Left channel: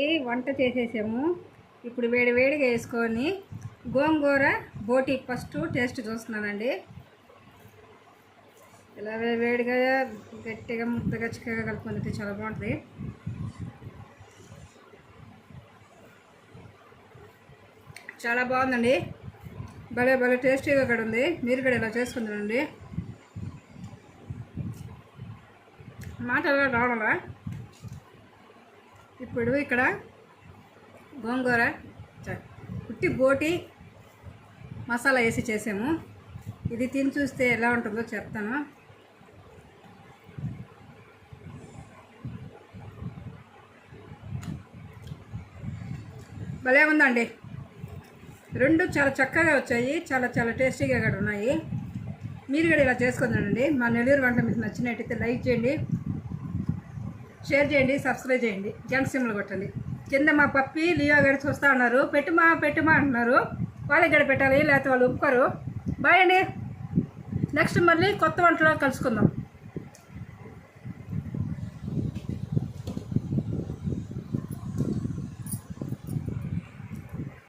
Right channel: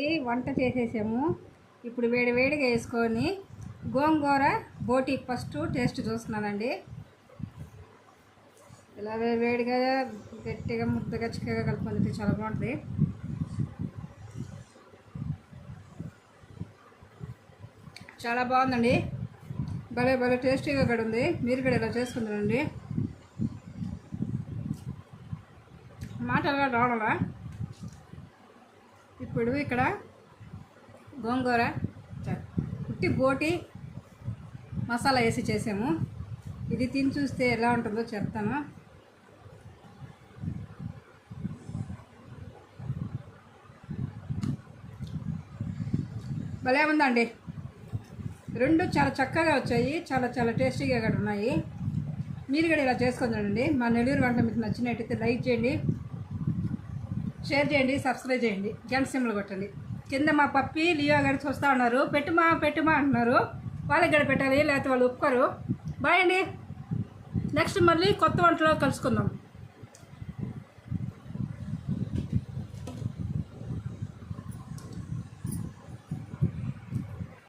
ఈ వంట చేసేసాము. ఇప్పుడు వేడి వేడిగా వేసుకొని గోంగూర బోటి ఫస్ట్ టేస్ట్ చూస్తున్నానండి. ఇలా వేడిగా గట్టిగా ముద్దగా చిక్కగా కలుపుకుంది, చాలా బాగుంటుంది. చాలా బాగుందండి, భలే భలే టేస్టీగా కూడా ఉంది. మీరు కూడా ఇలా చేసుకుంటారండి. మాట ఎలా రావడా. ఇప్పుడు ఇక్కడ గోంగూర ఉట్టి బోటి మసాలా వేసి చేసాము. ఇది తిని చూస్తే ఎలా ఉంటుందో చెప్తాను. భలే ఉందండి, రెండు చాలా చక్కగా వచ్చాయి, చాలా చాలా టేస్టీగా కూడా ఉన్నాయి. మీరు కూడా ఇలా చేసుకుందానండి. మా నెల్లూరు వంట మీకు నచ్చినట్టయితే లైక్ చేయండి, షేర్ చేయండి, సబ్స్క్రైబ్ చేయండి, గంట సింబల్ కొట్టండి. కింద మా పప్పి లియో గడి చూస్తూ ఉన్నారు, పెట్టుమా పెట్టుమా అంటున్నారు. వాళ్ళకి గడ పెట్టాలి, లేకపోతే వాళ్ళు ఒప్పుకోరు. బాయ్ అండి. నెక్స్ట్ మళ్ళీ కొత్త వంటలో కలుసుకుందాం.